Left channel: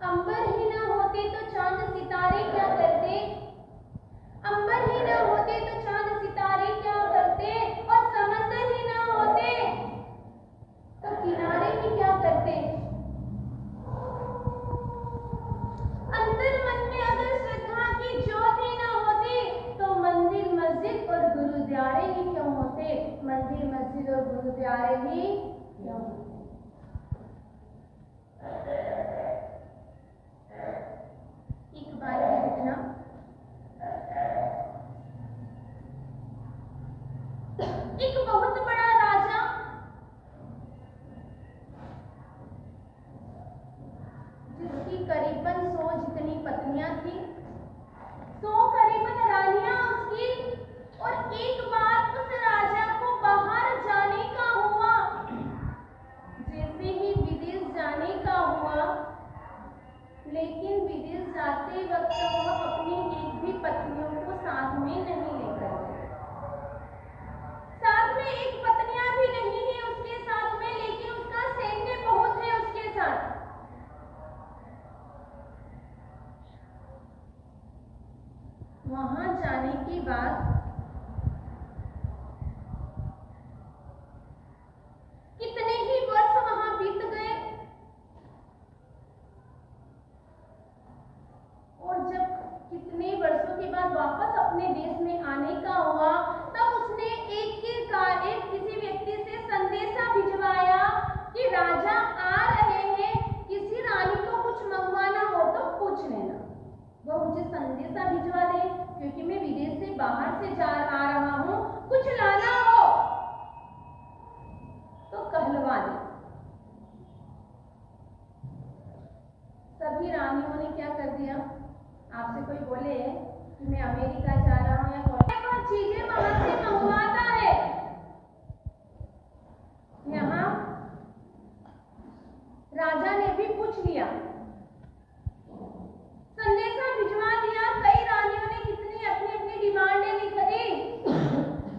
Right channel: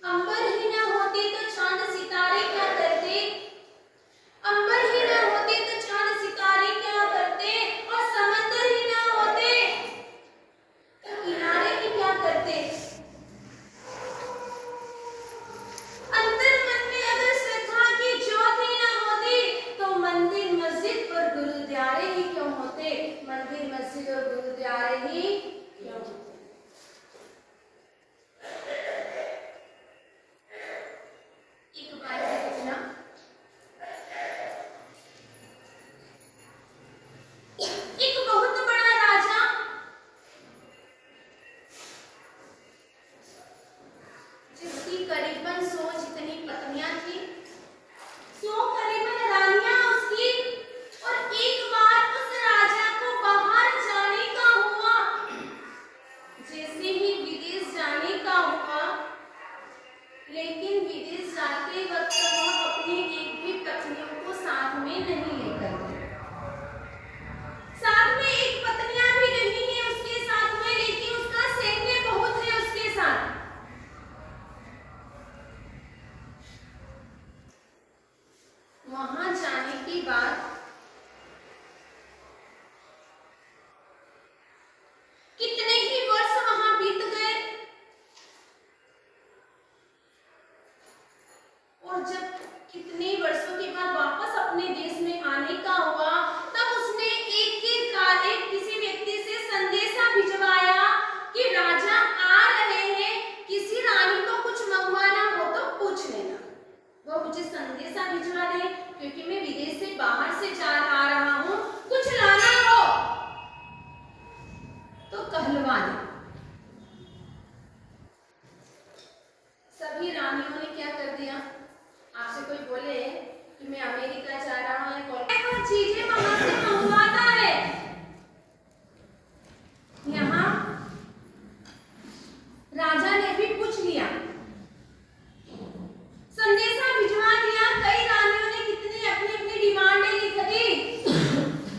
अंबर ही ना होते तो चांद सितारे क्या करते, अंबर ही ना होते तो चांद सितारे क्या करते, और समंदर ही ना होते तो किनारे ही क्या करते। अंतर मन में अगर श्रद्धा की ज्योत ही ना होती तो मंदिर मस्जिद और गुरुद्वारे ही क्यों होते, मंदिर मस्जिद और गुरुद्वारे ही क्यों होते। एक बार की घटना, एक बहुत बड़ा राजा जिसकी करीबन 100 जितनी पत्नियां थी, 100 करीबन रानियां उसकी, और एक बार उस राजा को बाहर जाने का हुआ। जैसे ही विदेश जाने का हुआ, लेकिन विदेश जाते वक्त वह अपनी एक भी पत्नियों को साथ में नहीं लेकर गए। साथ में एक पत्नियां भी नहीं है उसके साथ में, लेकिन उसका सैन्य बहुत है उसके साथ। वहां जाने के बाद कितने ही वर्ष वहां बीत गए, और जब कितने वर्षों के बाद वापस अपने देश में आने का हुआ, तब उसने एक किसी व्यक्ति से संदेशा भिजवाया कि राजा आ रहे हैं, किसी रानी को कुछ मंगवाना हो तो पूछ लेना। वो मुझे संदेशा भिजवा दे, क्योंकि मैं विदेश से बाहर से आ रहा हूँ, कुछ लाना हो तो कहलवा दे। सभी रानियों ने क्या कर दिया, आपसे कोई बोले कि मैं अमेरिका जा रहा हूँ, वो चीजें वहां से मंगवाता है। यहाँ राजा ने भी पूछ लिया, संदेशा भिजवा दिया। कई रानियों ने कितनी अपनी अपनी डिमांडें लिख दी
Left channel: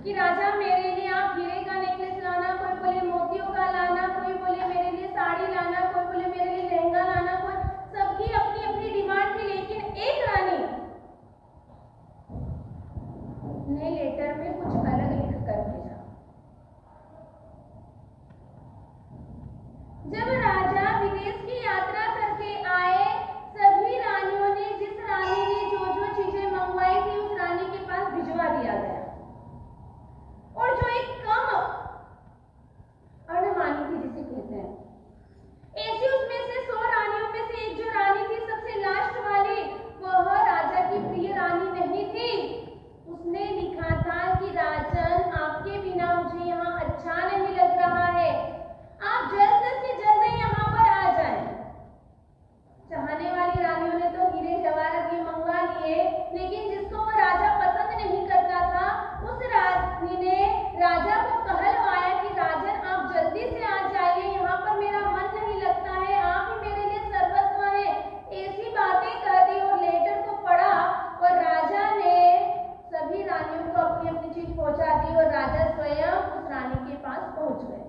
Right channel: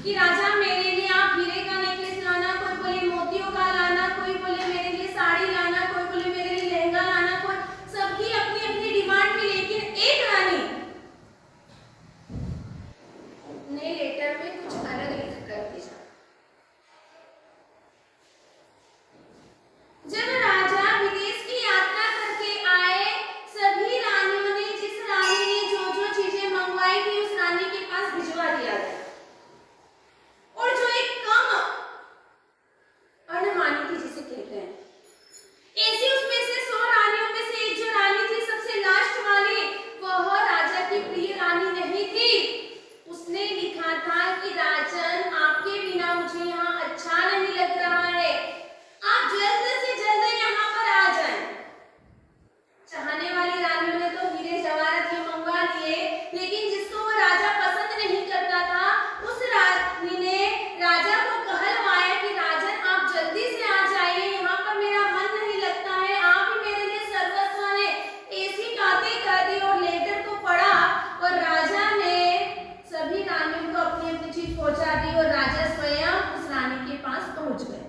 कि राजा मेरे लिए आप हीरे का नेकलेस लाना, कोई बोले मोतियों का लाना, कोई बोले मेरे लिए साड़ी लाना, कोई बोले मेरे लिए लहंगा लाना, कोई सबकी अपनी अपनी डिमांड थी। लेकिन एक रानी ने लेटर में कुछ अलग लिख कर भेजा। जब राजा विदेश की यात्रा करके आए, सभी रानियों ने, जिस रानी ने जो जो चीजें मंगवाई थी उस रानी के पास भिजवा दिया गया, और जो एक कम अणमानी थी जिसे कहते हैं, ऐसी उसमें से 100 रानियों में से एक जो रानी थी सबसे लास्ट वाली, वह राजा की प्रिय रानी नहीं थी। उसने लिखा था कि राजन आपके बिना मुझे यहाँ अच्छा नहीं लग रहा है, आप जल्द से जल्द यहाँ पर आ जाएं। चाहने वाली रानियों ने तो हीरे जवाहरात ये मंगवा लिए, लेकिन जिसको वो राजा पसंद नहीं करता था, उस रानी ने राजा को कहलवाया कि राजन आप जल्दी से आ जाइए, यहाँ पर मेरा मन नहीं लगता है, आप ही मेरे लिए सर्वस्व हैं। ऐसी बातें कर दी और लेटर को पढ़ा, और राजा ने सभी रानियों को अपनी अपनी चीज पहुंचा दी, और राजा स्वयं उस रानी के पास पहुंच गए।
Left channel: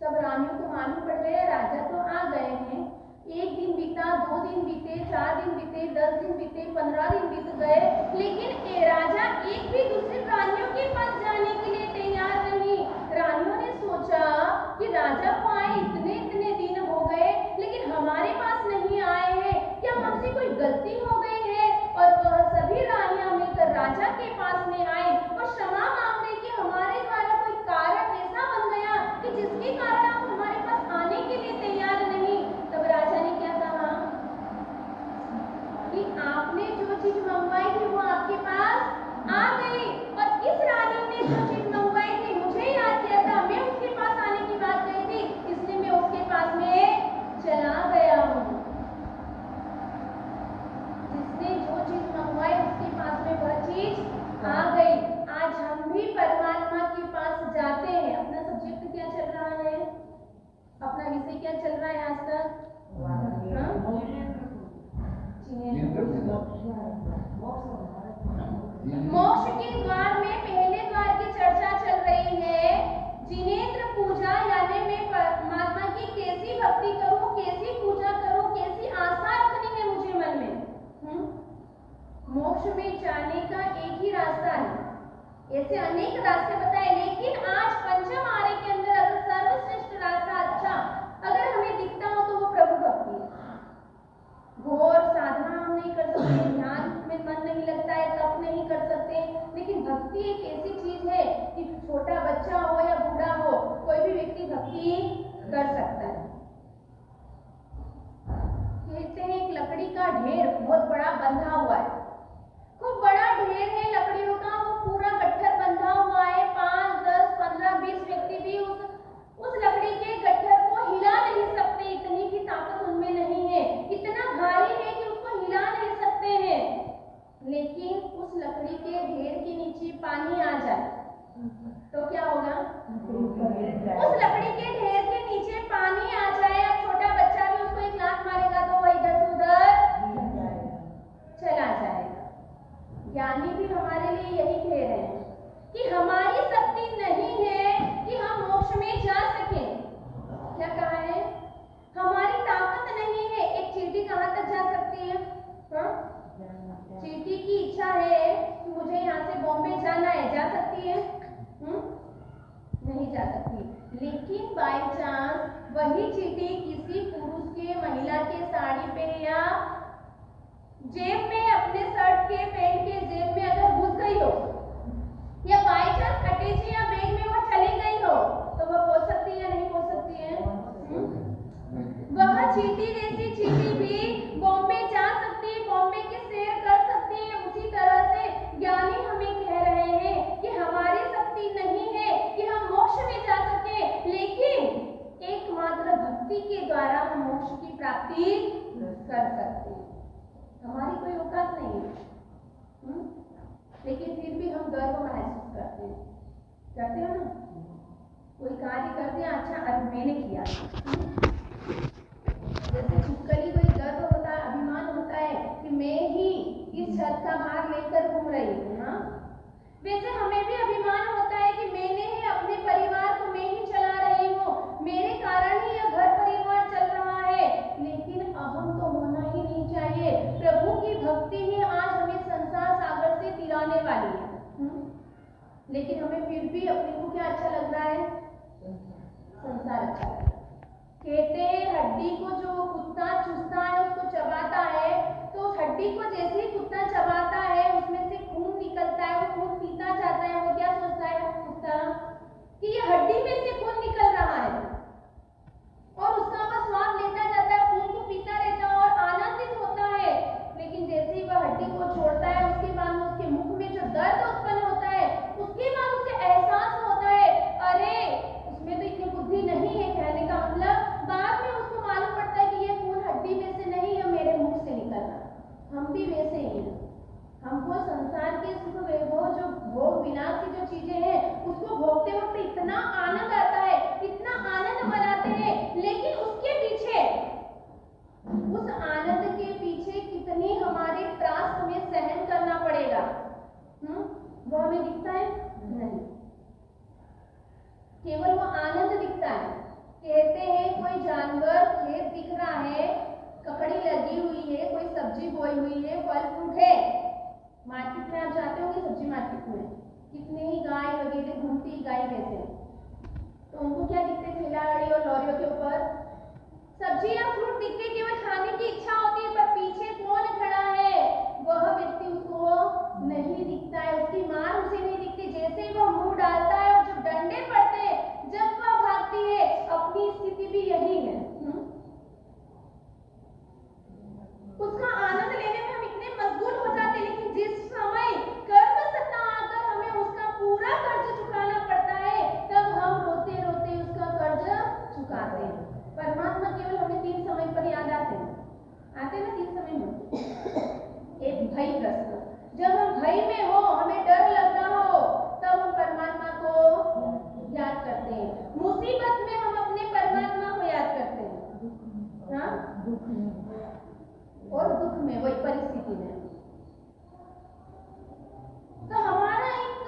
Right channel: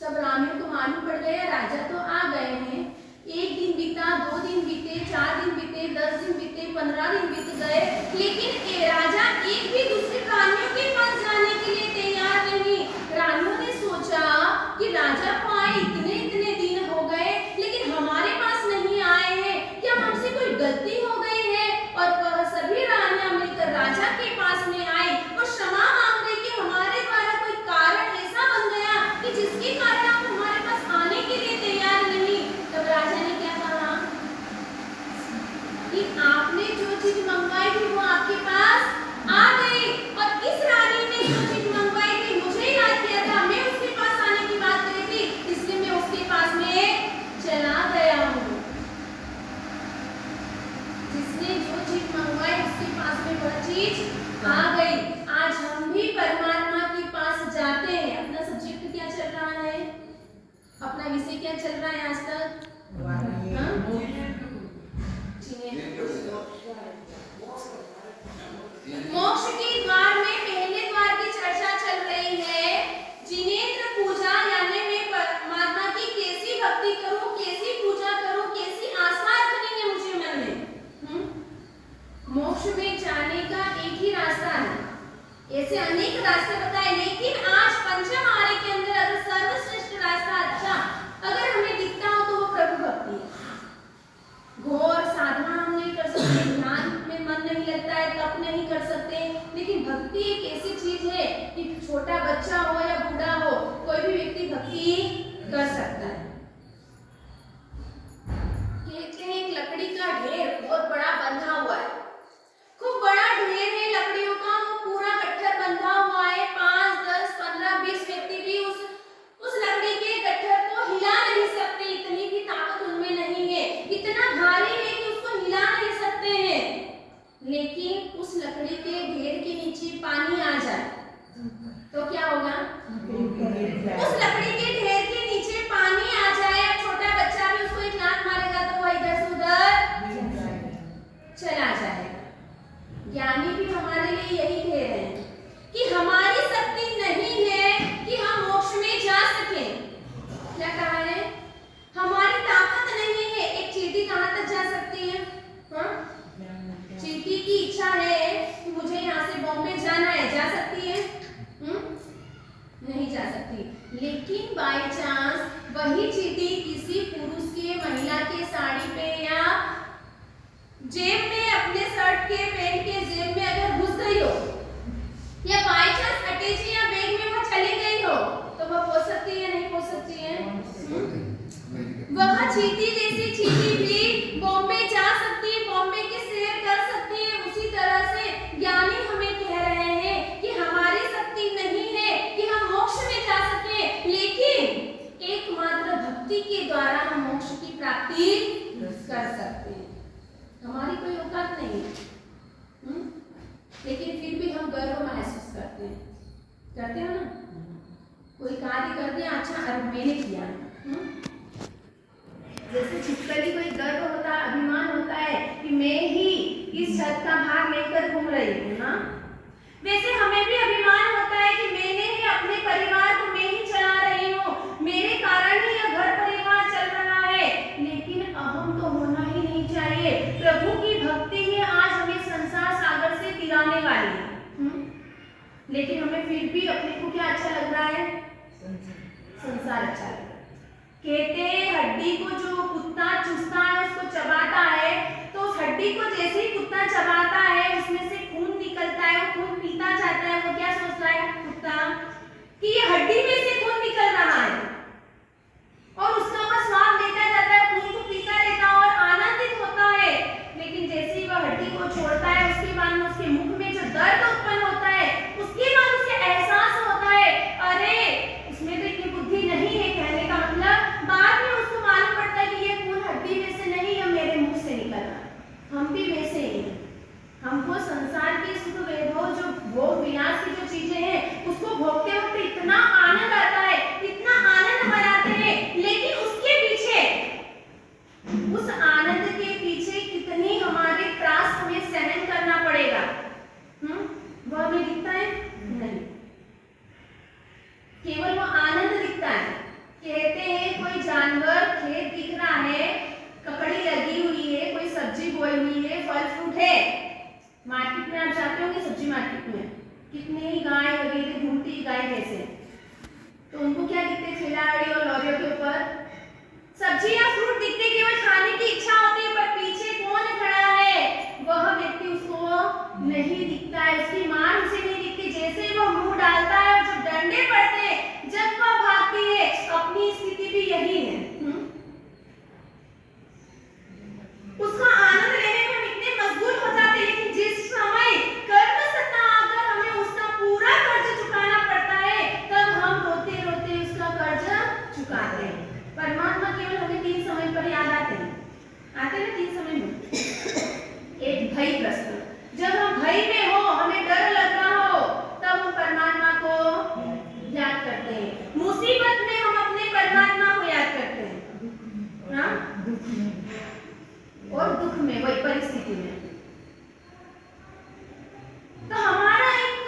सब रानियों को मालूम पड़ गया राजा तो आ गए हैं। एक दिन बीता, 2 दिन बीते, 4 दिन बीते, 10 दिन बीते, 15 दिन बीत गए, लेकिन राजा एक भी दूसरी रानियों के पास जाने के लिए तैयार नहीं। रानियों ने सोचा कि राजा को आए इतने दिन हो गए, लेकिन हमारे पास नहीं आए हैं, क्या हमसे कोई गलती हो गई है। और वह सभी रानियां मिलकर राजा के पास में आई और क्षमा मांग रही कि हमारे द्वारा कोई कारण ऐसा बन गया कि जिसके कारण आप हमारे पास आने के लिए तैयार नहीं। तब राजा ने क्या कहा कि आपने जो चीज मंगवाई थी वो आपके पास आ गई, और इस रानी ने जो चीज मंगवाई थी मुझे याद किया था, मैं उसके पास आने की बात करी थी, इसलिए मैं उसके पास में चला गया हूँ। जिसने जो चीज मंगवाई उसके पास में वह चीज आ गई। आज हम भी परमात्मा के पास जाते हैं। अपना सब्जेक्ट क्या चल रहा है, अपना विषय क्या चल रहा है आज तक? मोक्ष के द्वार में पहले द्वार की चर्चा चल रही है। जिनेंद्र पूजा यानी में परमात्मा की कैसी सकती, लेकिन बाय चांस वही चींटी किसी पुरुष के, महिला के साड़ी पे या जेब में, अपने शर्ट के पैंट के जेब में अगर घुस गई हो, या बाय चांस अटैची या बैग में वो चली गई हो, तो वो पो सकती है नहीं पो सकती है? वह चींटी जैसी चींटी भी बॉम्बे जा सकती है, बॉम्बे की सैर कर सकती है। उसी तरह से ज्ञानी हमें कह रहे हैं कि हमारी शक्ति नहीं है कि हम मोक्ष में जा सके, लेकिन एकमात्र भक्ति के द्वारा हम मोक्ष की प्राप्ति कर सकते हैं। हमारी कोई औकात नहीं है, लेकिन फिर भी हम गर्व महसूस करते हो ना? कोई कार्य कर दिया, अच्छा अब मैंने किया। जैसे छिपकली को एक गर्व होता है, अभिमान होता है कि मैं ही इस छत का भाग लेकर घूम रही हूँ ना, वैसे हमें भी अभिमान होता है कि मैंने ही अपने परिवार को मैं ही चला रही हूँ, मेरे कारण ही यह घर परिवार चल रहा है। लेकिन अहम तो होना ही नहीं चाहिए। प्रभु की भक्ति ही आज हमें संसार सागर से दिलाने वाली है। लेकिन हमें फिर भी अपने को क्या अच्छा लग रहा है? संसार अच्छा लग रहा है। कहते हैं हड्डी को जो कुत्ता चूसता है उसको चबाता है, तो उस हड्डी को जैसे ही कुत्ता चबाता है उसमें से खून निकलता है, वो खून पीता जाता है। वो क्या सोचता है कुत्ता कि ये हड्डी में से खून निकल रहा है, और उसका वो स्वाद लेता जाता है, खून को पीता रहता है और आनंदित होता है। लेकिन जैसे ही वह हड्डी को छोड़ता है, उसके बाद में उसके मुख में जो दर्द उत्पन्न होता है, उसके बाद उसे एहसास होता है अरे इसमें तो इतनी बुद्धि नहीं है। कहने का मतलब बाद में उसको मालूम पड़ता है कि ये खून हड्डी में से नहीं है, मेरे मुंह से निकल रहा है। हम भी वैसे ही हैं। हमको संसार के सुख वैभव, जो भोग विलास की जो चीजें हैं, उसको भोगते वक्त इतना आनंद आता है, इतना आनंद मनाते हैं, लेकिन उसके पीछे, उस आनंद के पीछे कितनी हमारे त्रास हमें सहन करना पड़ेगा, वो हमें दिखता है नहीं। केवल वो आनंद दिखता है। कहते हैं कोई जानवर, खेत दिख रहा है, ककड़ी लगी हुई है, कोई सब्जी बोई हुई है, फल फ्रूट है। मार्केट में आप जाते होंगे, सब्जी मार्केट में कितने ही गाय वगैरह घूमती गाय जैसे, तो उनको क्या दिखते? ठेलागाड़ी और लॉरियों के ऊपर सब्जी या फ्रूट दिखते, केवल खाने की इच्छा होती है, पर पीछे कौन खड़ा है वह व्यक्ति उसको नहीं दिखता है, उसकी मार उसे नहीं दिखती। जैसे ही वह मुंह डालता है और जब डंडे पड़ते हैं, जब वह भागती है, अपनी स्थिति भी यही है। उसका आनंद लेने में हम इतने मजबूर हो जाते हैं, लेकिन जिस समय कर्म सत्ता आकर हमें उसका पूरा कर्ज चुकाना पड़ता है, तब हम रोते रोते उसका कर्ज चुकाते हैं। परमात्मा केवल हमें 3 समय पर याद आते हैं ना 3 समय में। एक भय प्रश्न, जब हम भय में हो, हमें डर लग रहा हो, तब हम परमात्मा को याद करते हैं। मुसीबत में हम अपने परमात्मा को याद करते हैं, और दुख में, वही परिस्थिति में। तो हमारा एक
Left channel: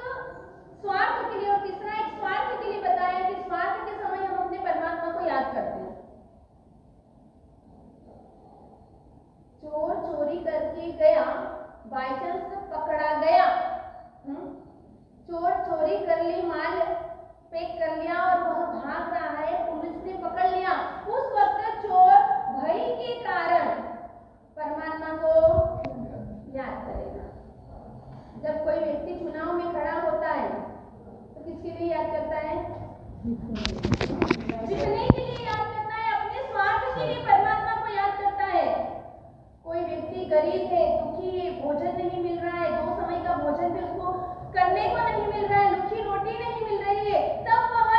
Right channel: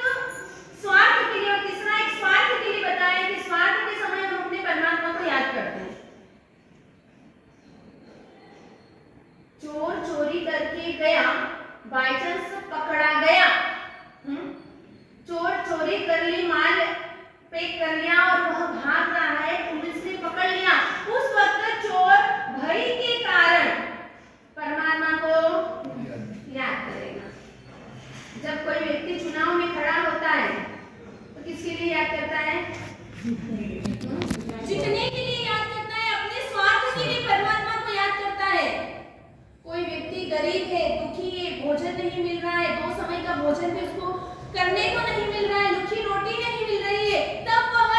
स्वार्थ के लिए, और तीसरा एक स्वार्थ के लिए बताया कि स्वार्थ के समय हम अपने परमात्मा को याद करते हैं। चोर चोरी करके गया, बाय चांस पकड़ा गया, चोर चोरी कर ली, माल पैक कर लिया और वह भाग रहा है, पुलिस ने पकड़ लिया। उस वक्त चोर भय के कारण परमात्मा को याद करेगा। जब कोई व्यक्ति चुनाव में खड़ा होता है तो किसके लिए याद करता है? जीतने के लिए याद करता है, अपने स्वार्थ के लिए परमात्मा को याद करता है। कोई व्यक्ति गरीब है, दुखी है, भोजन नहीं मिल रहा है, 2 समय का भोजन भी उसको करने को नहीं मिल रहा है, लुच्ची रोटी नहीं मिल रही है, तब वह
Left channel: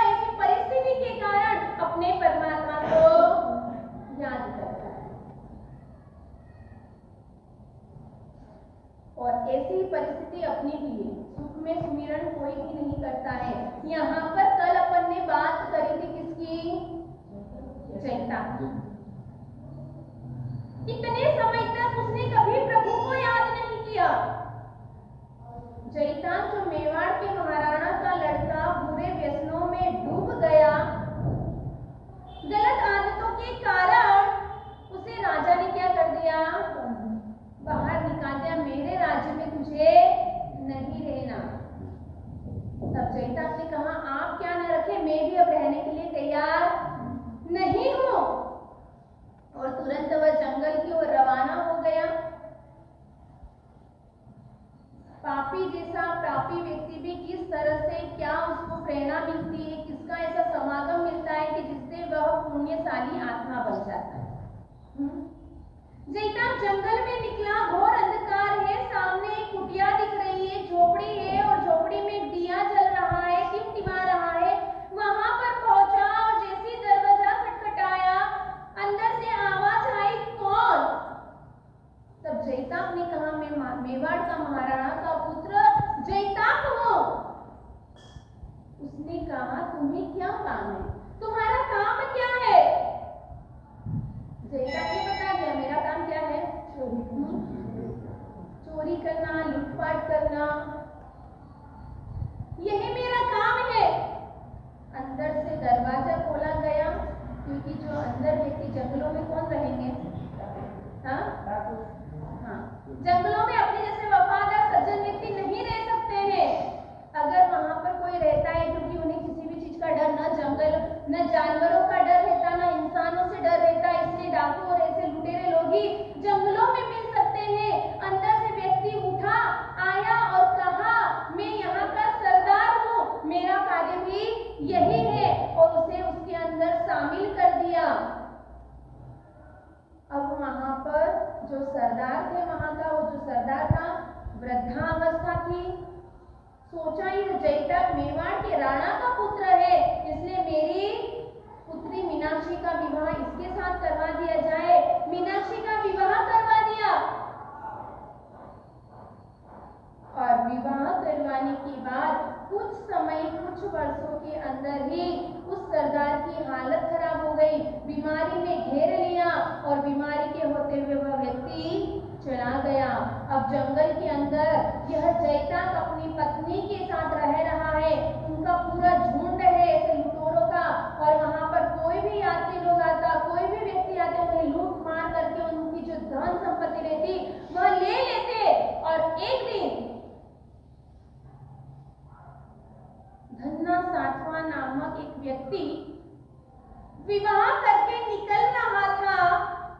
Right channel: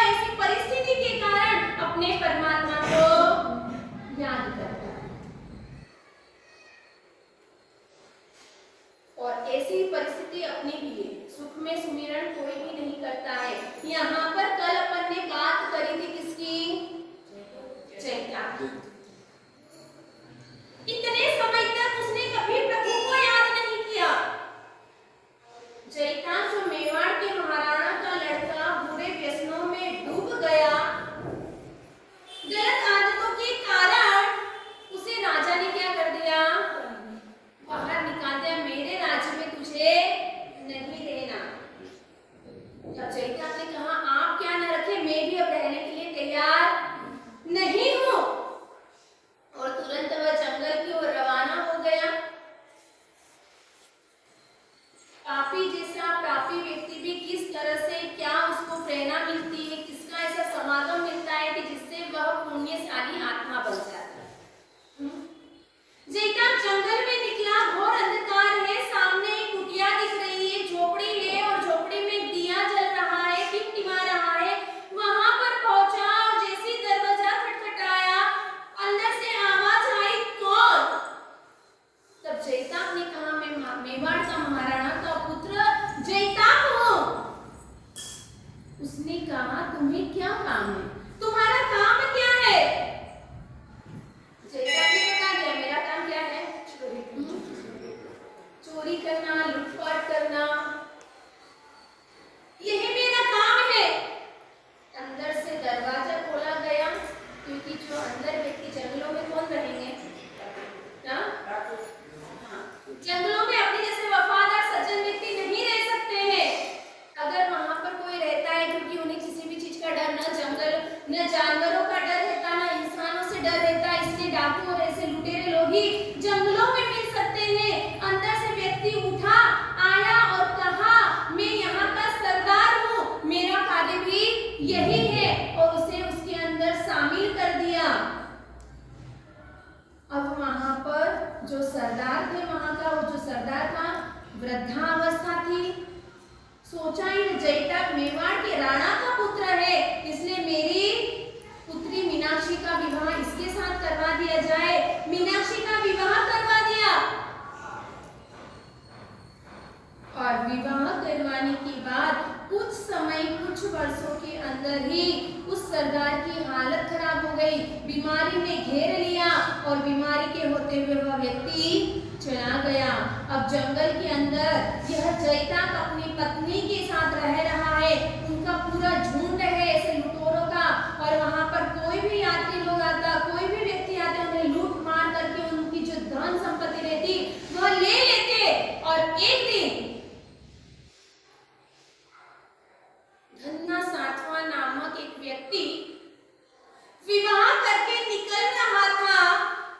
विवाह करके निकल रहा था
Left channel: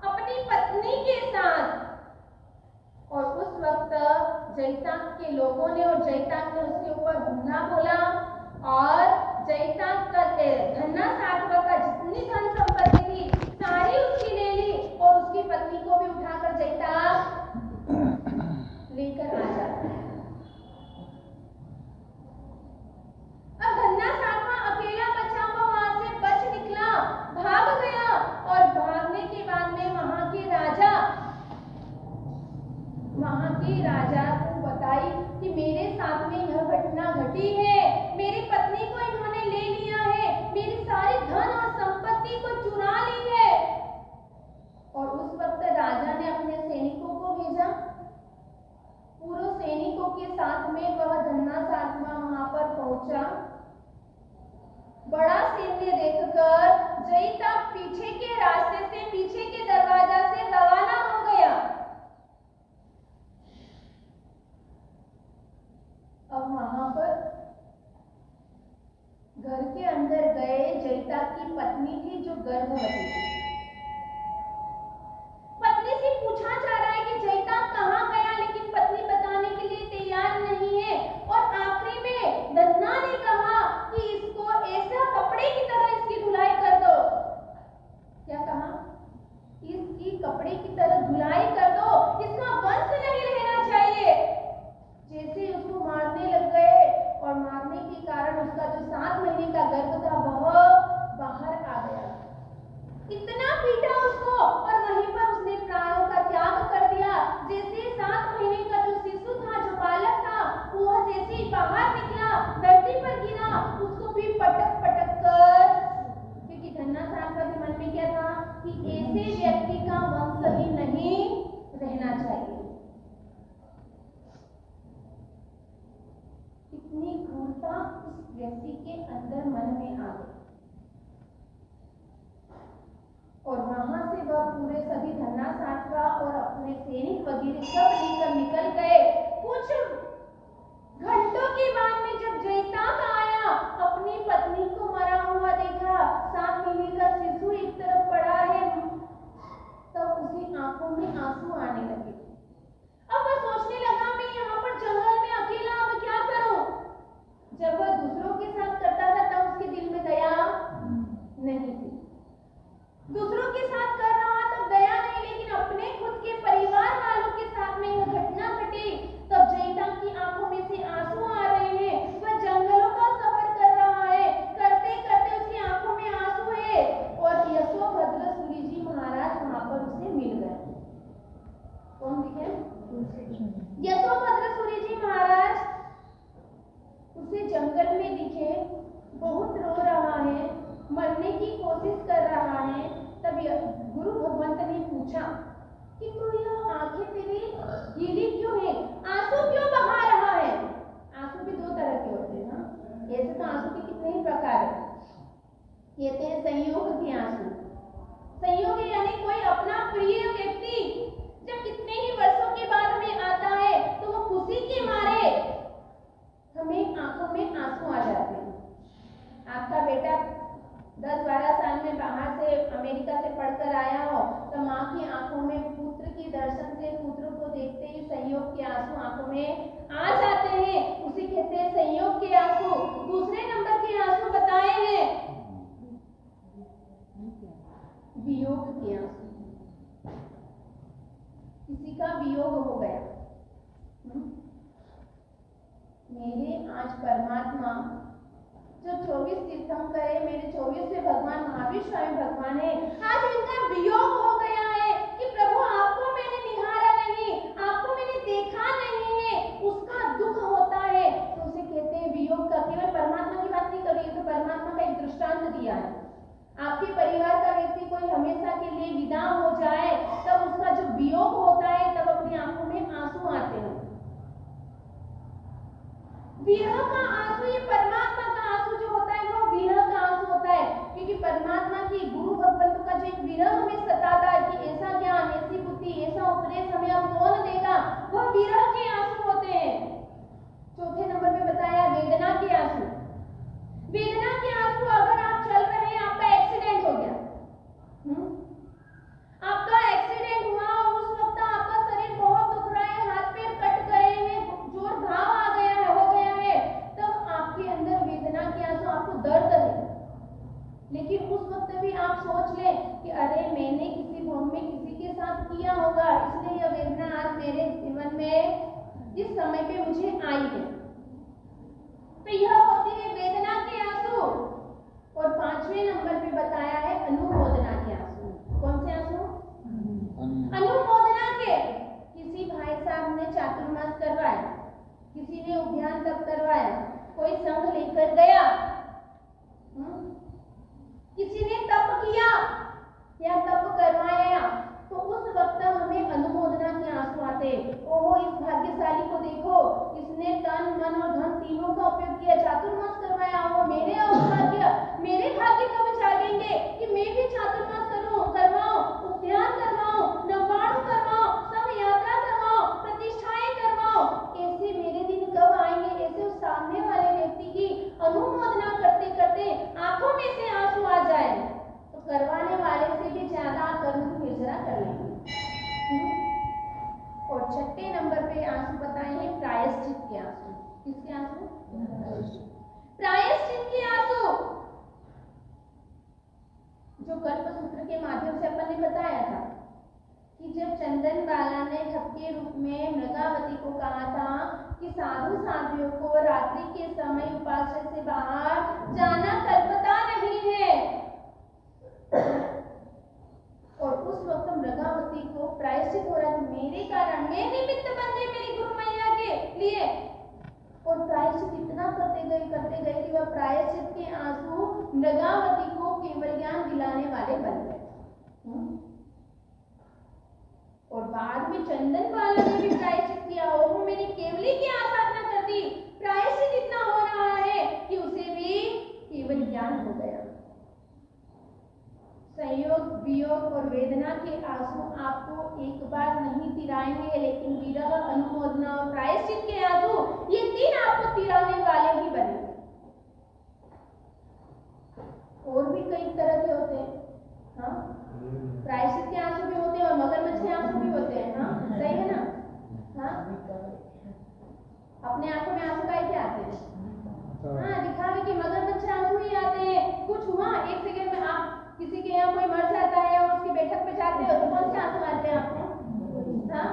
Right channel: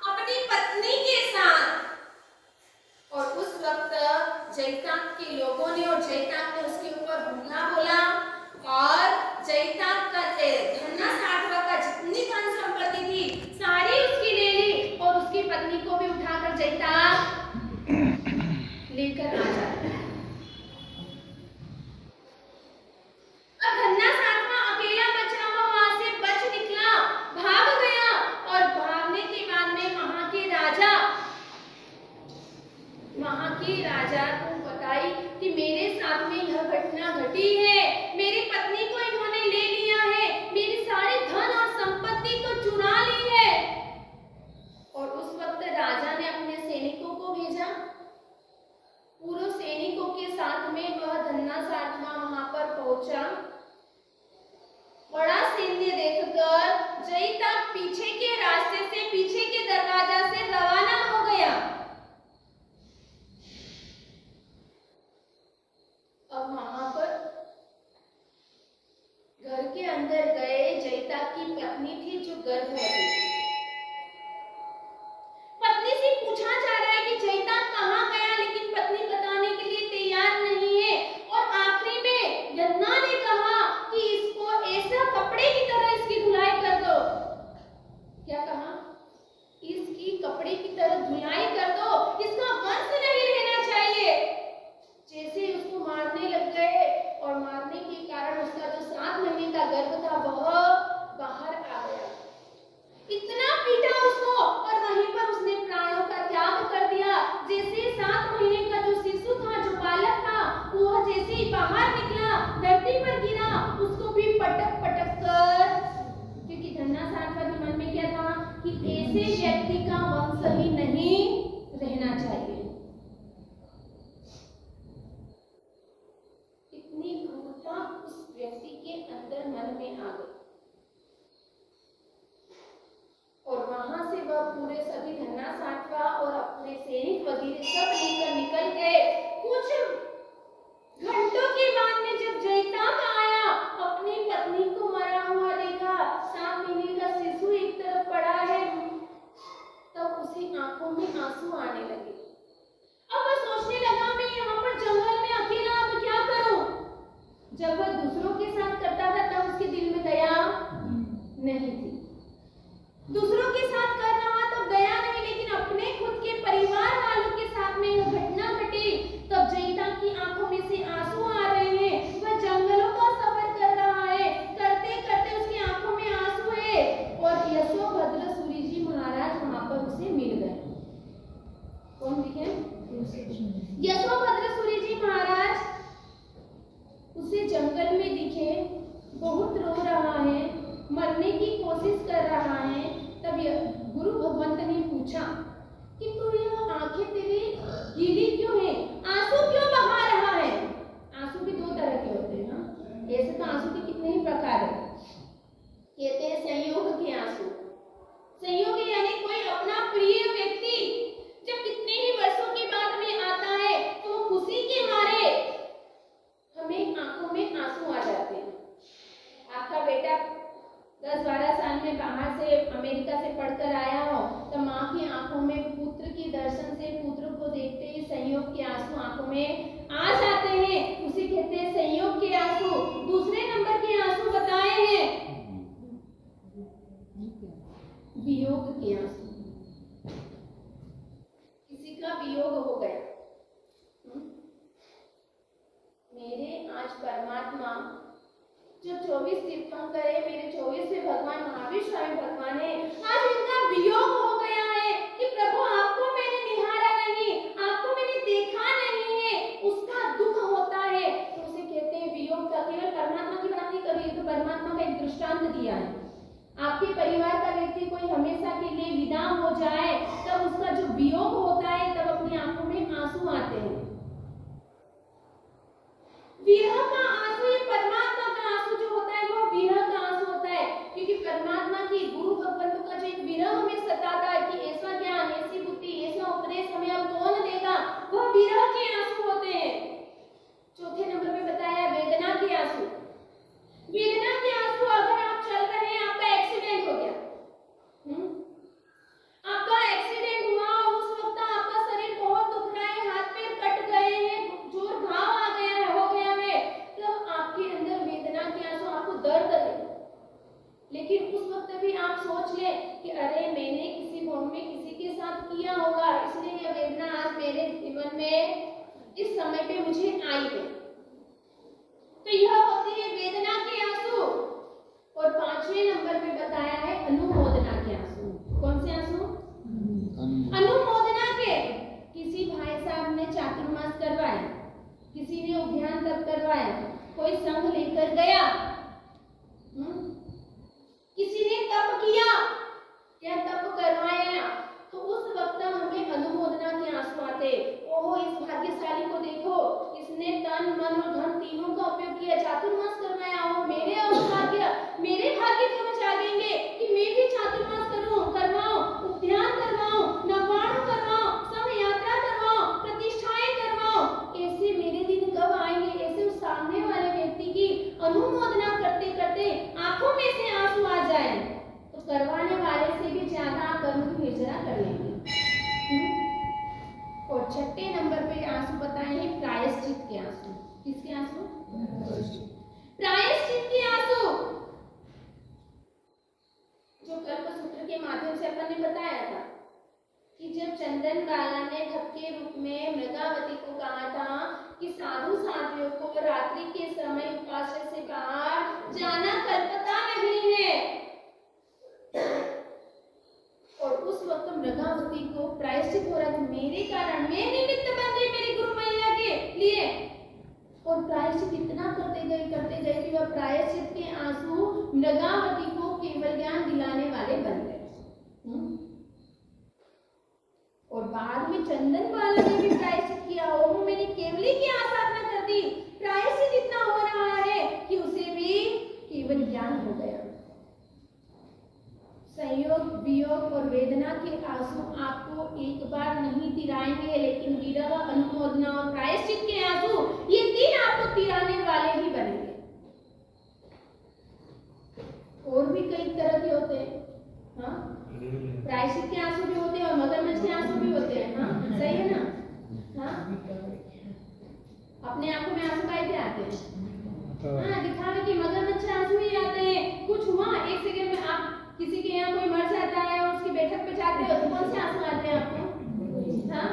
अपनी पत्नी के साथ। और उस वक्त जयताक के लोगों ने और जयताक ने उसके ऊपर हमला बोला और जयताक का धन्ना साठवा का जितनी धन संपत्ति थी सारी उसकी ले ली और उसकी पत्नी को भी उठाकर जयताक लेकर आ जाता है। अब धन्ना साठवा अकेला बचा हुआ वहां से बच निकला, भाग गया और भागने के बाद में वहां के राजा को बताई कि मेरे साथ में यह घटना घटी है, मेरी पत्नी को इन्होंने ले लिया है, मेरी सारी धन और संपत्ति को चुरा ली है। और उस वक्त राजा ने अपने सैनिकों को भेजा, पूरे सैनिकों के साथ में वह धन्ना साठवा वहां पर पहुंचा। बड़ा सैन्य देखकर जयताक पीछे के रास्ते से, पीछे के दरवाजा से रवाना हो गया। अब वहां पर घर के अंदर गए, जयताक की पत्नी थी जो गर्भवती थी। पत्नी से पूछा जा रहा है कि जयताक कहाँ गया, लेकिन पत्नी बताने के लिए तैयार नहीं है। और आखिरी में धन्ना ने कहा कि इसको ऐसा कपड़े की तरह इसकी धुलाई कर दो। क्या कहा? इसकी कपड़े की तरह धुलाई कर दो, इसका वंश नहीं रहना चाहिए। जैसे उसको मारने लग गए और मारने के कारण उसका जो 7 महीने का गर्भ था वह बाहर आ गया। इतना पीटा उसको और वहीं पर उसने प्राणों का त्याग कर दिया। जैसे 7 महीने का जो शिशु था, जो बालक था, वो जैसे ही बाहर निकला, धरती पर गिरा, उसको भी पटक पटक कर, क्योंकि धन्ना साठवा के मन में क्या था कि ऐसे व्यक्ति का वंश ही नहीं रहना चाहिए। इतनी क्रूरता उस व्यक्ति के अंदर मन में आ गई और वहां से वह पूरे सभी धन्ना साठवा और अपने सैनिक वगैरह सब लेकर निकल गए। कुछ घंटों के बाद में जब जयताक आया, अपनी पत्नी को मरा हुआ देखा, 7 महीने का शिशु एक तरफ पड़ा है, तब उसे आंखों में आंसू आने लगे। अब वह सोचने लगा, मैं यहाँ पर जंगल में अकेला अब क्या करूं? जब वह दूसरों के साथ करता था तब उसके दिल में दया नहीं थी। दूसरों के साथ कर रहा तो दया नहीं, लेकिन अपने खुद के परिवार वालों के साथ में यह घटना घटी। तब जयताक की आंखों में से आंसू आ रहे हैं। वह जंगलों का सफर कर रहा है, करते करते उसकी आंखों में आंसू है। और यशोभद्र सूरी जी महाराज वहां पर उसे मिल गए। कौन दिखे? यशोभद्र सूरी जी महाराज उसे जंगल में दिखे, बहुत रो रहा है, मरने की कोशिश कर रहा है। तब गुरु भगवंत ने पूछा कि तू ये आंखें तेरी गीली क्यों है, आंसू क्यों बहा रहा है? आंसू भी 2 तरह के होते हैं। हाँ, ऐसे तो आंसू के कितने ही प्रकार हैं। कहते हैं संयोग के आंसू। संयोग यानी कोई अपना प्रिय व्यक्ति जब कितने ही वर्षों के बाद में आता है तो वो खुशी के मारे हमें आंखों में आंसू आ जाते हैं। आपका बेटा 10-12 साल में बाहर से अमेरिका से पढ़कर आया हो तो माँ की आंखों में पुत्र के दर्शन से, पुत्र को देखते ही संयोग के आंसू आंखों में आ जाते हैं। उसे कहते हैं संयोग के आंसू। दूसरे नंबर के आंसू बताए हैं वियोग के आंसू। किसी का वियोग हो गया। मेरे आज परमात्मा जो 24 तीर्थंकर है, मेरे 24वें भगवान महावीर स्वामी भगवान है, आज इनका वियोग हो गया है कि प्रभु आपको मैंने निहारा नहीं, आपको मैंने देखा नहीं है, उसका दुख होता है। तो उसे कहते हैं वियोग का। केवल परमात्मा की बात नहीं करी, तो परमात्मा का एक दृष्टांत दिया है। आपके परिवार का व्यक्ति कोई हमेशा के लिए विदा हो जाए तब उसका जो वियोग होता है, तब अपनी आंखों में आंसू आते हैं। विरह का आंसू, ये परमात्मा का आंसू जो होता है वो विरह का आंसू होता है। क्योंकि परमात्मा की, गुरु भगवंत का जो एक विरह हमें सताता है कि ऐसा ज्ञान, ऐसी बुद्धि, ऐसा उपदेश हमें अब कौन देगा, वह विरह के आंसू होते हैं। चौथे नंबर पे बताया वेदना के आंसू। वेदना के आंसू, अगर आप चल रहे हैं, आपका एक्सीडेंट हो गया, वक्त भी आप सोच ले कि अरे मैंने किसी भूमि में किसी के साथ किया होगा, इसलिए यह वेदना आज मेरे जीवन में इस समय पे मुझे आई है। तो यह होती है वेदना के आंसू। और 5वें नंबर पे बताया है अनुमोदना के आंसू। कौन से आंसू? अनुमोदना के। किसी भाई साहब ने चातुर्मास करवाया, किसी ने उद्यान तप करवाया, कोई संघ लेकर गया, किसी ने तप किया या तप करवाया, तो उस वक्त हमें अनुमोदना के आंसू आते। ओहो, इस भाग्यशाली को देखो, इसने तन मन और धन तीनों का उपयोग किया, चातुर्मास करवाया। ओहो, मेरे भाग्य कब जागेंगे कि मैं भी चातुर्मास करूं, करवाऊं, उद्यान करवाऊं, नवाणु करवाऊं, संघ यात्रा करवाऊं, प्रतिष्ठाएं करवाऊं। ऐसे मेरे दिन कब आएंगे? ऐसे उस सामने वाले व्यक्ति की अनुमोदना करते करते आंखों में से आंसू आ जाए तो करवाने वाले से भी ज्यादा कर्म की हिजरा कर लेंगे। और 6ठे नंबर पे आंसू बताए हैं प्रायश्चित के आंसू। किसके आंसू? प्रायश्चित के आंसू, जो कल्पसूत्र के माध्यम से अपन ने बताया था कि जब चंदन बाला ने ठग के रूप में मृगावती को कहा था कि साधु साधियों को रात्रि के समय उपाश्रय से बाहर जाना कल्पता नहीं है, और उस वक्त मृगावती को प्रायश्चित हो रहा था, मेरे कारण मैं निमित्त बन गई मेरी गुरु मैया के लिए। और प्रायश्चित इतना करते गए कि वह प्रायश्चित के आंसू मृगावती को केवल ज्ञान दिलाने वाले बन गए। और बाद में चंदन बाला ने भी प्रायश्चित किया। ओह, मैंने केवली की आसाधना कर दी, प्रायश्चित इतना हो रहा है कि उसे भी केवल ज्ञान हो गया। संयोग, वियोग और वेदना के आंसू आपको एक बार नहीं तिराएंगे, लेकिन विरह, अनुमोदना और प्रायश्चित के आंसू, ये 3 आपको तिराने वाले ही बनेंगे। और भी कई तरह के होते हैं, हाँ, प्रायश्चित के आंसू भी होते हैं और मगरमच्छ के आंसू भी होते हैं। हाँ, सही है ना? हाँ, अपने आंखों में आंसू काहे के आते हैं? हाँ, दिखावे के मगरमच्छ आंसू ही आते हैं। कुछ हुआ, एक सेकंड में आप किसी के यहाँ कोई मर जाता है और उसकी बैठक पे जाते हो तो कौन से आंसू आते हैं आपको? हाँ,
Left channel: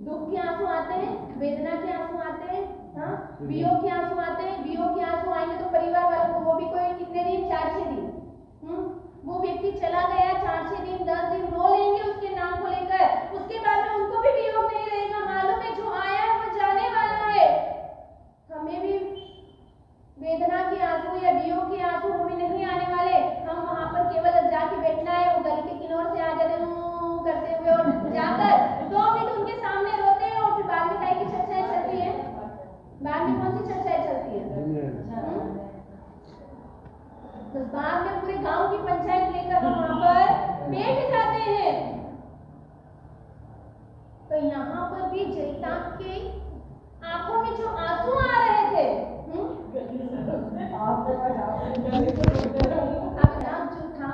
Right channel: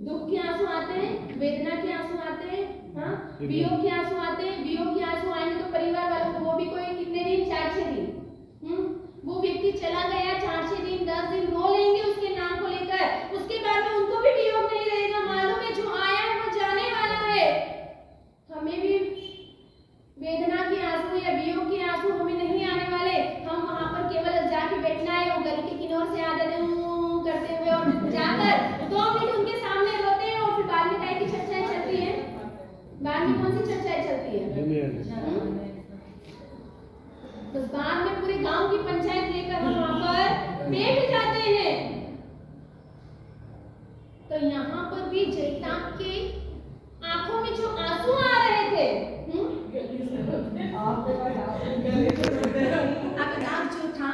दुख के आंसू आते हैं, वेदना के आंसू आते हैं, हाँ, वियोग के आंसू आते हैं। वियोग के आंसू आएंगे तो परिवार वालों को, वो भी कोई कितने दिन? 4-6 दिन। वो व्यक्ति चला गया, 4-6 दिन 10 दिन रो लेंगे उसके नाम को लेकर, उसके बाद में उनको भी वियोग नहीं रहेगा, मालूम है जो आया है वो जाने वाला है। हमें भी वेदना के आंसू या वियोग के आंसू हमें नहीं आने वाले, हम वहां पर केवल जाके बैठना है, वो गली के किनारे से आ जाते करते हुए और जाकर 2 मिनट उनके सामने रोते हैं और फिर बाद में कहीं की चर्चाएं चलती है। बाद में कौन सी चर्चाएं चलती है? बस बाद में पूरे गांव की पंचायत लेकर हम वहां पर बैठ जाते हैं। तो यहाँ पर भी जयताप के आंखों में जो आंसू आ रहे थे, अमिताभ जो था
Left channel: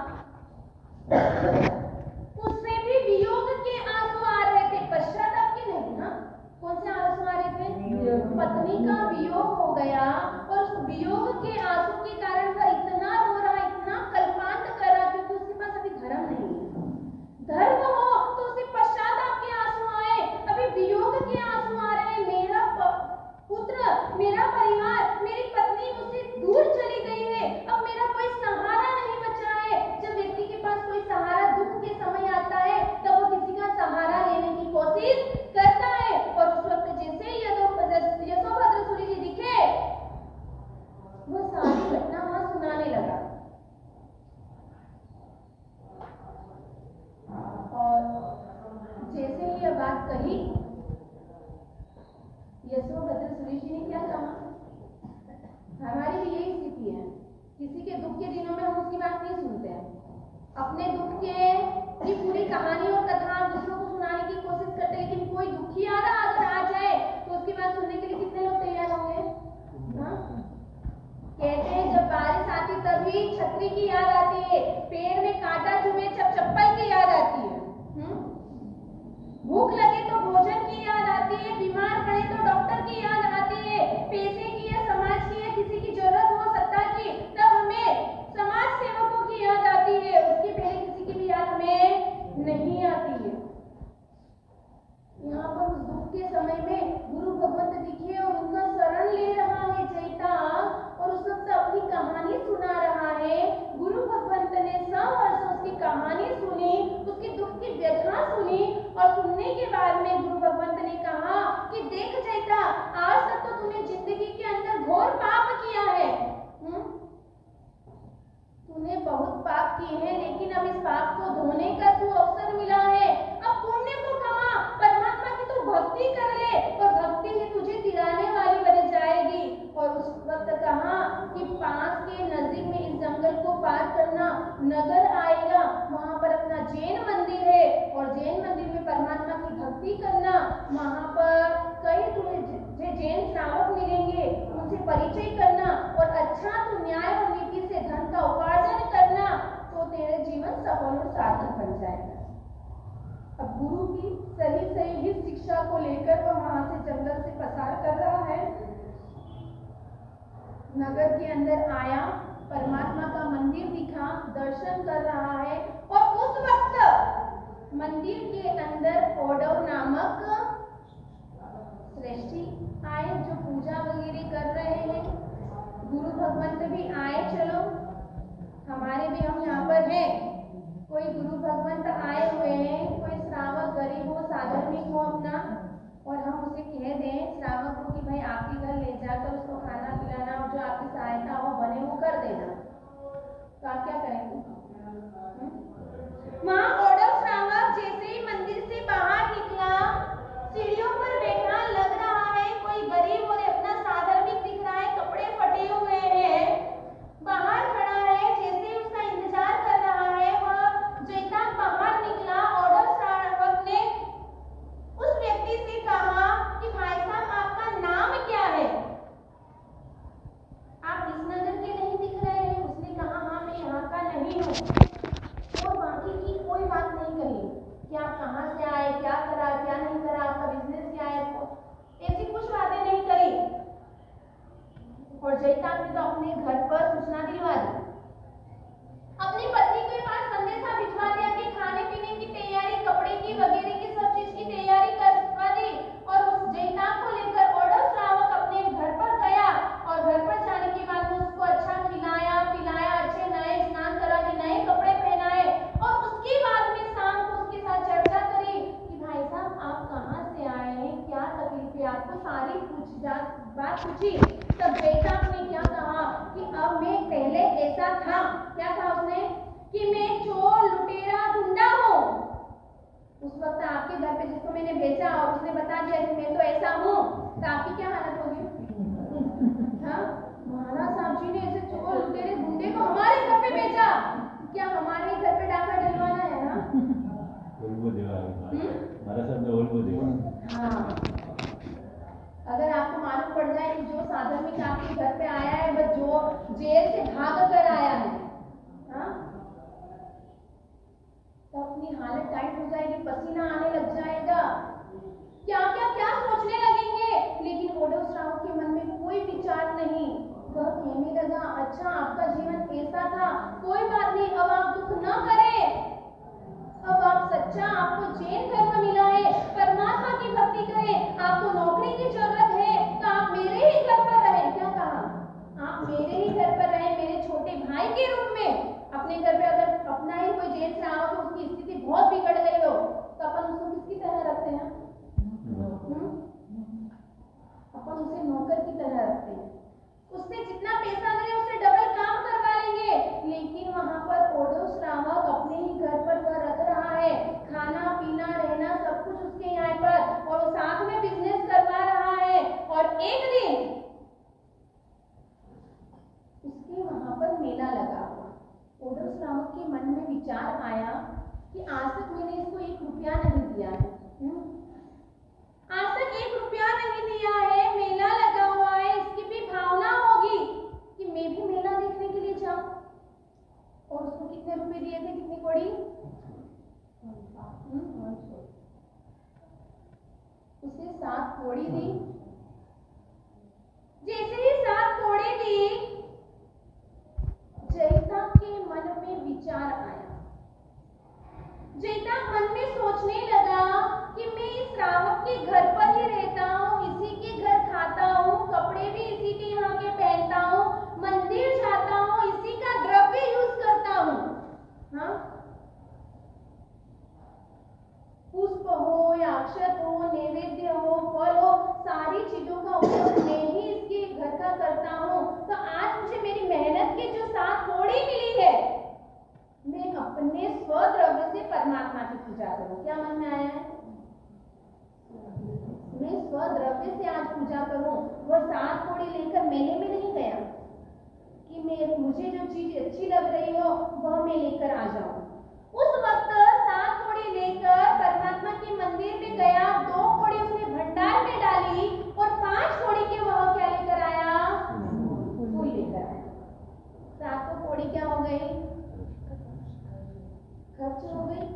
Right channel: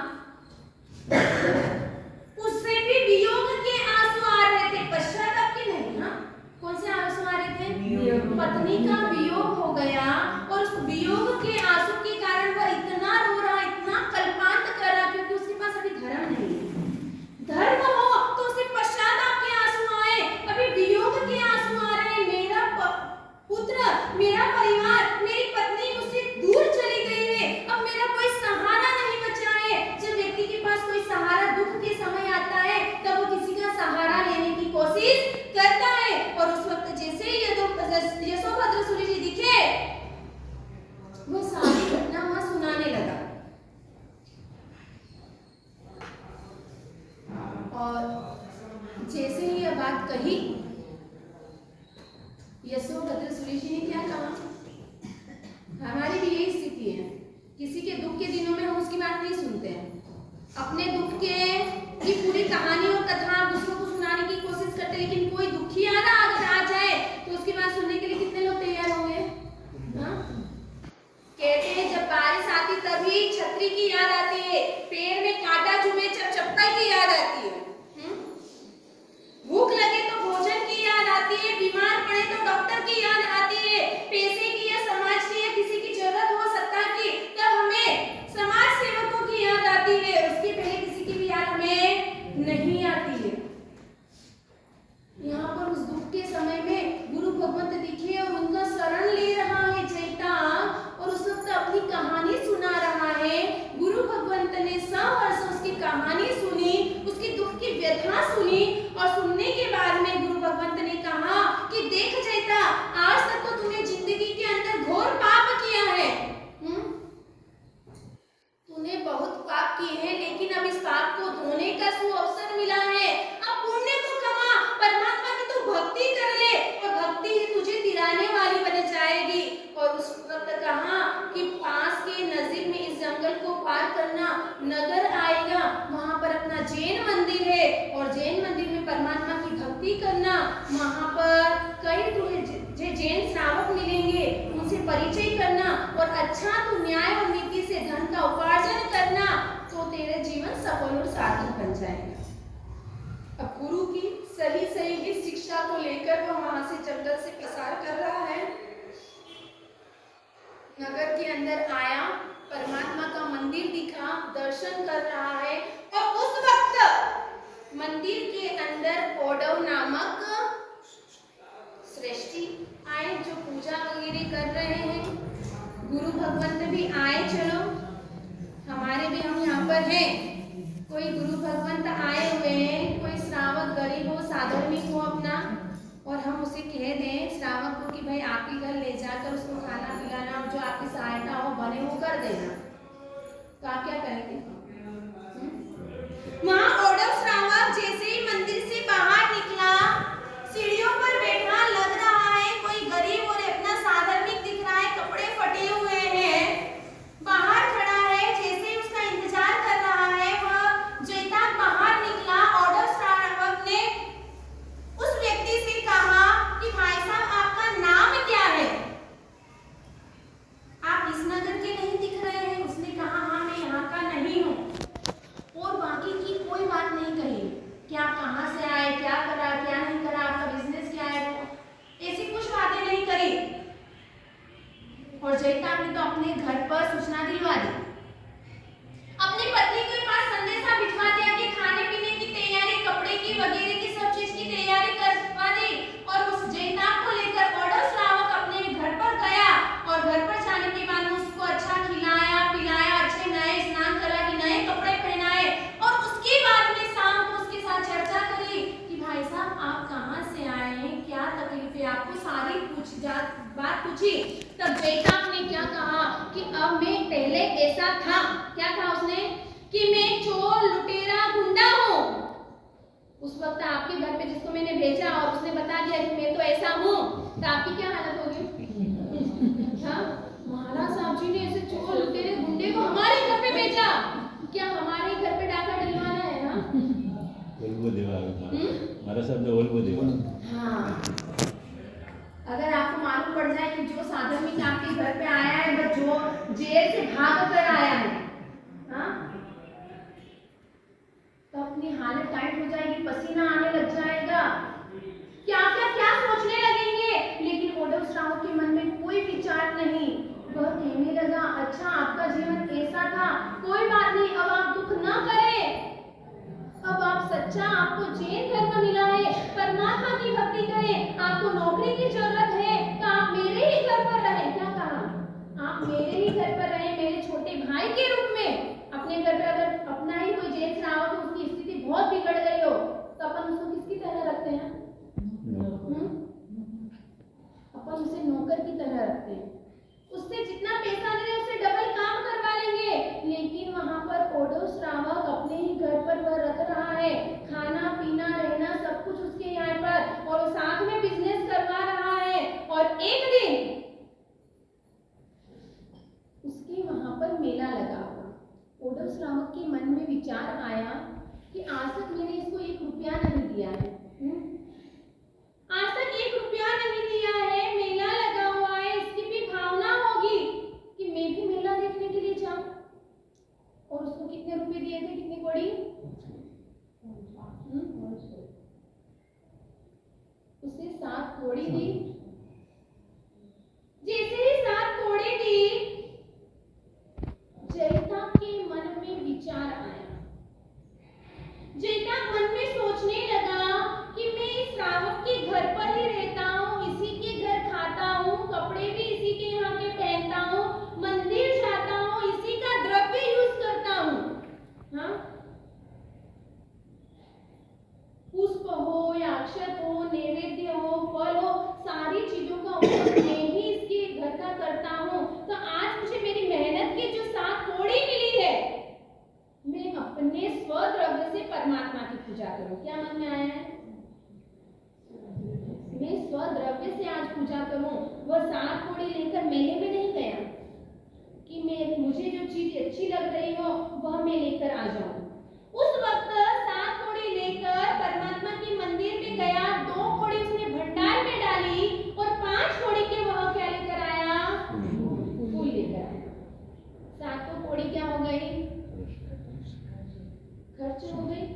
उससे भी वियोग के आंसू आ रहे थे, पश्चाताप के नहीं। हाँ, कौन से आंसू आ रहे थे? पत्नी का वियोग हो गया और उस वियोग के आंसू के कारण वह इतना रो रहा, इतना कल्पांत कर रहा, क्योंकि उसके पास अभी धर्म नहीं है। धर्म हो तो उसे पश्चाताप के आंसू आए, अभी वियोग के आंसू आ रहे हैं। मेरा पुत्र, मेरा परिवार, मेरी पत्नी मुझसे दूर चली गई है, अब मेरा कोई सहारा नहीं बचा है। जब व्यक्ति के पास कोई सहारा दुख के समय आता है तब वो किसी का सहारा लेने की कोशिश करता है, और उस वक्त जैसे ही यशोभद्र सूर्य जी दिखे, वो सारी घटना वहां सुनाने लगा। और जैसे ही यह बात कही, यशोभद्र सूर्य जी ने क्या कहा? हमारी भी यही स्थिति है, किसी के दुख के दिनों में हम उसकी बात नहीं सुनते हैं, अपने दुख की पूरी कहानी और कथा दूसरों को सुनाने की कोशिश करते हैं, लेकिन कोई दुखियारा अगर आ जाए तो उसकी बात सुनने के लिए कितने लोग तैयार होंगे? हाँ, कहते हैं जब बारिश आती तभी छतरी की याद आती है, पैर में कांटा चुभे जब चप्पल की याद आती है, भूख लगे तो भोजन की याद आती है, बीमार पड़े तो डॉक्टर की याद आती है, पैसे की या समाज की या किसी की जरूरत हो सत्ता की, तब हमें समाज सेवकों की याद बहुत पाप किए हैं, लेकिन अब इस पाप को धोने का सुअवसर मिला है। अब पुण्य को कमा, परमात्मा की तू भक्ति कर ले और भक्ति ही तुझे तिराने वाली बन जाएगी। और उस वक्त कहा कि पास के नजदीक में इस जंगल को पार करना नगर आएगा, वहां पर अपना जैन मंदिर है और जैन मंदिर में परमात्मा की भक्ति करना। वहां पर कई तुझे जैन श्रावक मिलेंगे, उनसे परिचय करना और अच्छा तू न्याय और नीति से धन का उपार्जन करना, तो तेरे जीवन सफल और सार्थक बन जाएगा। अब गुरु की सही सही ही शिक्षा को लेकर वह वहां से जंगल से पसार कर रहा है। नगर के अंदर आया, परमात्मा का मंदिर दिखा, दर्शन कर रहा है और उस वक्त मंदिर के अंदर औडव नामक श्रेष्ठी आए जो पूजा वगैरह कर रहे हैं। गुरु भगवंत भी आए, चलो हमारे भी हम यहाँ पर हैं, कोई गुरु भगवंत आए हुए हैं, कोई श्रावक गरीब हो साधर्मिक हो अपना, और हम उसे कह दें श्रावक को कि भाई आपके घर ले जाकर उसको खाना पिलाना और जो आपकी सहायता हो बने वो कर देना, तो आप क्या करेंगे? औडव श्रावक जैसे ही मंदिर से बाहर निकला, सीढ़ियों पर बैठा, लग रहा है कोई गरीब और अपना साधर्मिक दिख रहा है, कपड़े फटे हुए हैं, बाहर खड़ा है, जैसे ही उसका इंतजार कर रहा है। वह जैसा बाहर निकला, औडव श्रावक ने उस व्यक्ति से कहा कि भाई साहब आपका नाम क्या है? आप इस नगर के नहीं दिख रहे हैं। उसने कहा हाँ मैं यहाँ का नहीं हूँ, और बाकी की कोई बात नहीं कही कि आप कहाँ से आए, क्या करा, क्या नहीं करा, आपका बिजनेस क्या है, ऐसी कुछ बातें नहीं करी। और जयताप ने तो अपने घर पर सूचना दिलवा दी, अपनी पत्नी के पास संदेशा भिजवा दिया कि खाने पीने की तैयारी, कपड़े की वगैरह की सब चीज की तैयारी करवा दी। और उस जयताप को लेकर औडव श्रावक अपने घर पर गया और घर पर जाने के बाद उसको अच्छा खिलाया पिलाया, अच्छे नए स्नान करा कि नए कपड़े पहनाए, और उसके बाद में शाम को उसके साथ चर्चा करी कि भाई साहब आप कहाँ से आए हैं, क्या तकलीफ है आपको, सारी बात पूछी। तब जयताप ने क्या कहा कि अब मैं पहले ऐसा था, क्या था उसने, कि मैं चोर लुटेरा गुंडा हूँ। उस वक्त आपके घर पे जिसको मैंने भेजा और उसने बता दिया कि मैं तो ऐसा हूँ, तो आपकी क्या हालत होगी? हाँ, महाराज साहब जी ने ऐसे चोर लुटेरे गुंडे को हमारे घर पे भेजा, क्या हमारे घर पे डाका डलवाना है? हाँ, महाराज साहब ने ओल्बो देवा। हाँ, अगर आपको मालूम पड़ जाए कि जो साधर्मिक आपके घर पे आया है बस जो जेल से भाग कर आया है, हाँ, तो अपनी हालत टाइट हो जाएगी, पसीना आने लग जाएगा, क्या सोचने लगेंगे। लेकिन औडव श्रावक के मन में कोई विचार नहीं, वह कहने लगा अच्छा आपका जीवन ऐसा था, कोई बात नहीं, अब आप दुख न करें, अब आप सच्चा, आपको जैन धर्म मिला है, परमात्मा की भक्ति करें, आपको नौकरी की जरूरत है तो आप मेरे ही घर पर रहें। क्या कहा? आप मेरे ही घर पर रहें, मेरे छोटे भाई के रूप में। अपने घर पे अगर अपना ही कोई जैन श्रावक हो, उसकी स्थिति बहुत बिगड़ गई हो, तो अपन उसको किसकी तरह रखते हैं? अपन उसे नौकर की तरह रखते हैं, उससे जितना पैसा ले उससे डबल काम करवा लेंगे। लेकिन वहां पर औडव श्रावक अपने ही घर पर वह रख रहा है, खाना पीना रहना सब कुछ उसके यहाँ पर, और वो साथ में बिजनेस करवा रहा है। और एक दिन उसके वहां पर मेला लगा हुआ, औडव श्रावक के मन में विचार आया कि आज तक मैंने इसको 1 रुपया नहीं दिया है, आज तक 1 रुपया नहीं दिया है, मेला लगा हुआ है, इसकी भी भावना होगी कि मैं भी मेला देखने के लिए जाऊं। और उसको कितने रुपए दिए थे, कितनी कौड़ी? उसे 7 कौड़ी दी। जैसे ही 7 कौड़ी दी, जयताप के मन में विचार आया, जयताप मन में सोचने लगा कि मैं इस श्रावक के घर पर ही रहता हूँ, इसी के घर खाता हूँ, कपड़े भी इसी के यहाँ के पहनता हूँ, मंदिर जाता हूँ, इसी का द्रव्य यूज करता हूँ, हाँ, पुष्प हो या अक्षत हो, नैवेद्य हो, फल हो, सारी चीजों का उपयोग मैं ही इसके घर का करता हूँ। तो आज मुझे मेरी मेहनत की जो 7 कौड़ी मिली है, परमात्मा की पूजा करूं। क्या मन में आया है? मैं स्वद्रव्य से आज पूजा करूं। वह 7 कौड़ी लेकर मेले में नहीं गया कि मैं मुझे जो चीज अच्छी लग रही हो वह मैं लेकर आ जाऊं। उस वक्त 7 कौड़ी लेकर परमात्मा के मंदिर में गया, 2 कौड़ी उसने भंडार में डाली और 5 कौड़ी के वह क्या लेकर आया? फूल लेकर आया। 7 कौड़ी क्या हो गई? खर्च हो गई।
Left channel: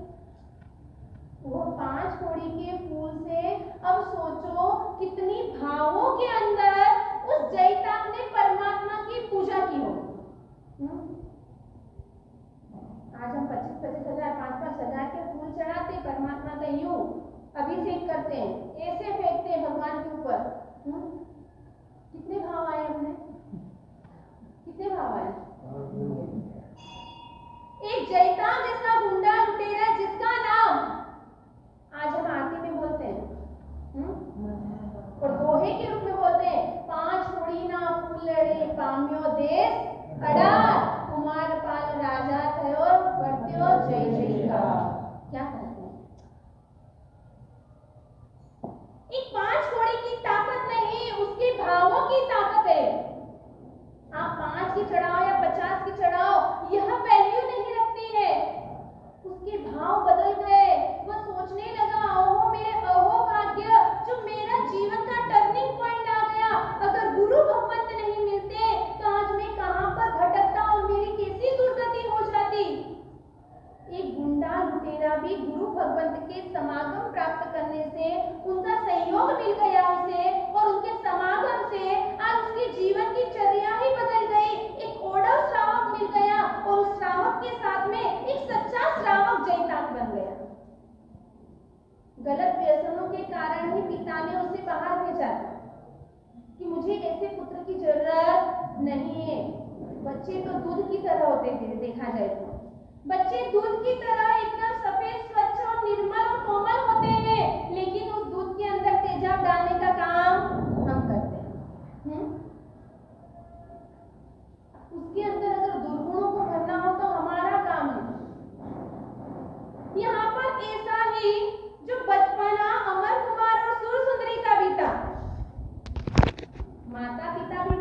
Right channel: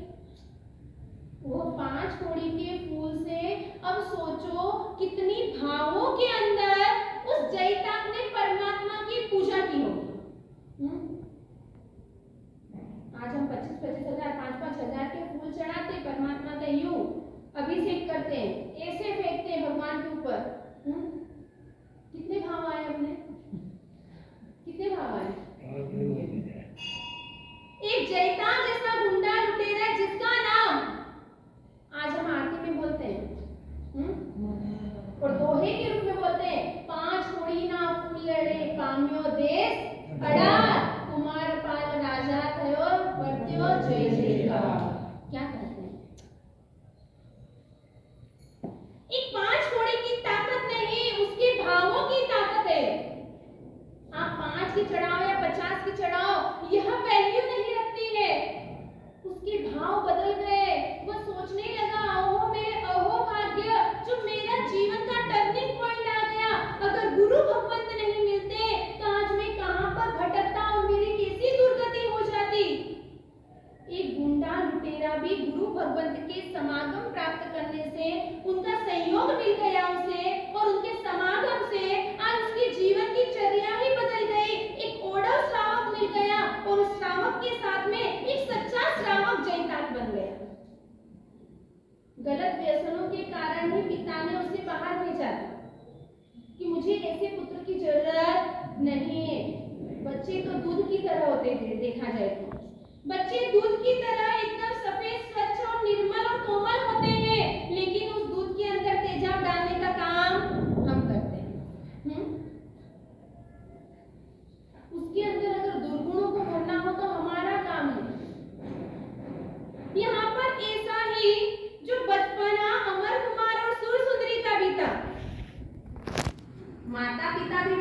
वो 5 कौड़ी के फूल से अब सोचो कितनी भावों के अंदर उस जैताक ने परमात्मा की पूजा की होगी। आज हम 25-25 हजार 5-5 हजार के फूल चढ़ाते परमात्मा का यूं अभिषेक करते हैं, ऐसे फेंकते हैं भगवान के ऊपर। कितने भाव आए हमने? कितने भाव आए? एक जैताक जैसा गुंडा लुटेरा जिसका नाम आज हम आरती में बोलते हैं और दोहे के रूप में बोलते हैं, 5 कौड़ी ना फूलड़े पाम्यो देश अडार, कुमार पाल राजा थयो वर्त्यो जय जयकार। क्या कहते हैं? एक 5 कौड़ी की ताकत नहीं, उसके भावों की ताकत है। आप 5 की चढ़ाओ या 50 की चढ़ाओ, यह वैल्यू नहीं रखती है। उसके भाव बदल गए। वह सोचने लगा, ओहो मेरे अहो भाग्य, जो मेरा जीवन का टर्निंग पॉइंट आ गया। अगर गुरु भगवंत नहीं मिलते तो आज मैं कहां पर भटकता और मेरी कैसी दुर्गति हो जाती। एक गुंडा लुटेरा भी गुरु भगवंत के समागम प्राप्त करने से, उनका सहयोग मिल गया उसे और उनके समागम से आज उसके जीवन की चर्या ही बदल गई। एक ओढ़व श्रावक मिल गया और उस श्रावक के साथ में एक सच्चा श्रावक जैताक बन गया। गलत व्यसनों के कारण ही पिता ने उसे बाहर भेजा कि मुझे ऐसे पुत्र की जरूरत नहीं है। बच्चे तो दूध की तरह होते थे, देखा जाए तो बच्चे दूध की तरह एकदम सफेद स्वच्छ और निर्मल और कोमल होते हैं, लेकिन उस दूध के अंदर तेजाब डालने का काम हम करते हैं। उसके अंदर अगर दुर्गुणों को भरना हो तो हमारा काम है। यहाँ पर ऐसा ही जो बचपना अमर कुमार और सुर सुंदरी का भी था, माता पिता भी